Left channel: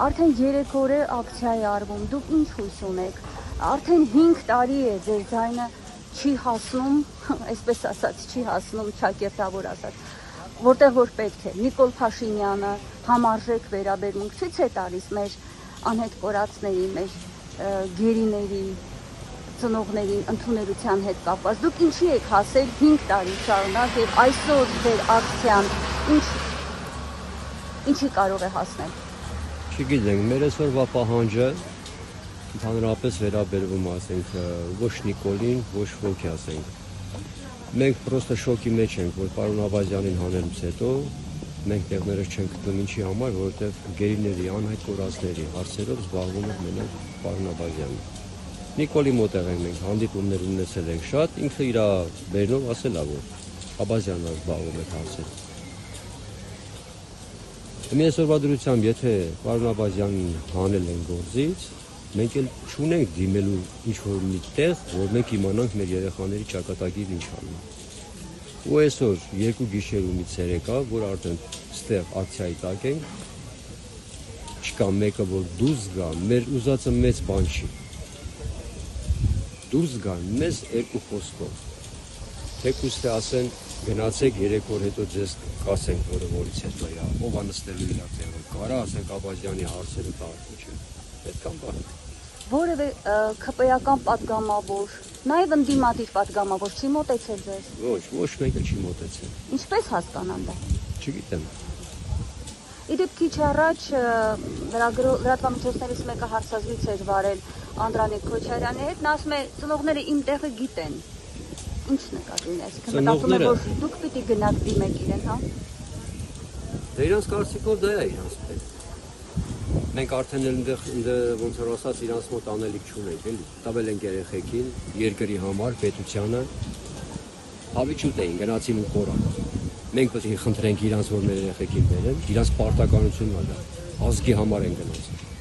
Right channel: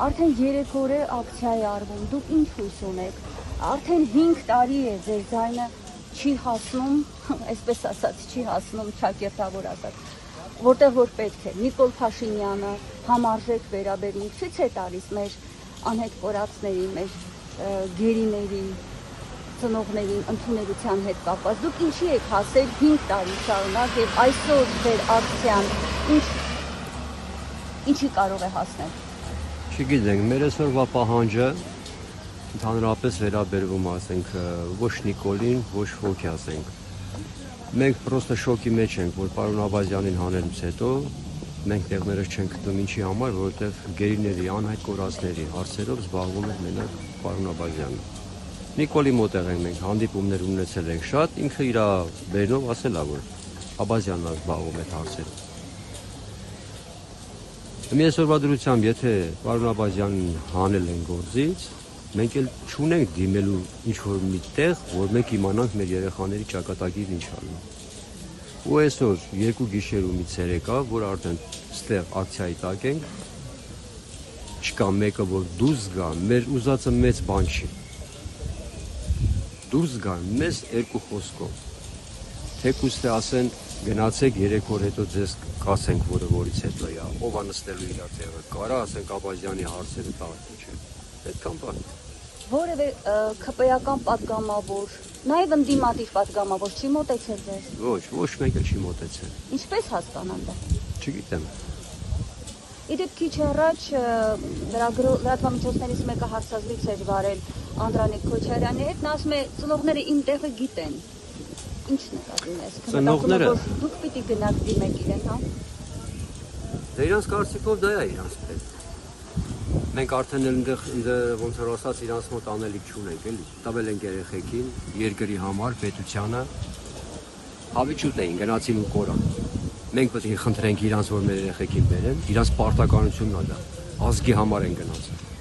Արդեն 3 օր է ակցիա է արվում, դուք ինչ հույս ունեք, արդեն 5 տարի է ձեր ձայնը չի հասում, այսպես ասած, չի հասնում, ճակերտավոր ասած, որտեղ որ պետք է, Նիկոլ Փաշինյանը համարժեք վերաբերմունք չի տալիս մեր անհետ կորածների, մեր գերիների, ծնողներին ընդունելության հետ կապված, դուք ինչի եք հասել 5 տարի շարունակ եւ այսօր ձեր ակցիան ինչի կարող է հասնել։ Չգիտենք, մեր այսօրվա պահանջը ընդհանրապես վերաբերվում ասենք ոչ Նիկոլին, ոչ ոքի ասենք։ Մենք պրոստը շոկի մեջ ենք, որ պարոն Աբազյանին հանելուց հետո մենք տեղներս չենք գտնում ինչի համար, որովհետև գերիների անհայտ կորածների հարցերով զբաղվում է մենակ պարոն Աբազյանը։ Նիկոլի մոտեղ ենք մենք հանդիպումներ ունեցել ենք շատ, ինքը իր բերնով ասել է, որ Աբազյանն զբաղվում է հարցերով։ Մի այսօրվա դրությամբ, եթե պարոն Աբազյանին հանել են գործից, մենք էլ չունենք դիմելու ինչ-որ մի տեղ, որ մենք իմանանք մեր երեխաների ճակատագիրն ինչ անում։ Ու այսօր 2 գիշերու մի ցերեկա, որ արդեն ստեղ ակցիայի տակ ենք, չկա մեկը, որ դուրս գա, մեր ուզածը մեծ բան չի։ Դուրս գան մեզ 2 խոսքով։ Թեկուզ թե ասեն գնացեք 3 օր հետո ձեզ կասենք, որը որից հետո է, ով է նստելու իր տեղը, կարա ասենք Աբազյանի հարցերը տաղ չէ։ Պետք է բան։ Որևէ ԿՊ-ական պատգամավոր, նաև ընդդիմադիր պատգամավոր չի մոտեցել ձեզ։ Ոչ մեկը չի մոտեցել։ Ինչպես հասկանամ դա։ Չգիտեմ։ Իդեպ քիչ առաջ լրատվամիջոցներից մեկը հարցազրույց էր վարել Անդրանիկ Քոչարյանի հետ, նա ասում է ծնողները իմ տեղը գիտեն։ Ինչ նկատի ունես։ Ծնողները դուք պիտի գնաք դիմեք իրեն, հա։ Դե իրանց կարծիքով դա է իրանց պետք։ Մենք արդեն այնտեղ ոնց որ ասած իրանց մոտ անելիք չունենք, էլի։ Տվել ենք երեխեքին, երկրի համար, պետությանը հավիճուտ էին, գնացին ու կորան։ Մենք պետք է խնդրենք իրանց, որ մեր երեխեքին բերեն, իրանց պարտականությունն է դա։ Ազգի համար են գնացել։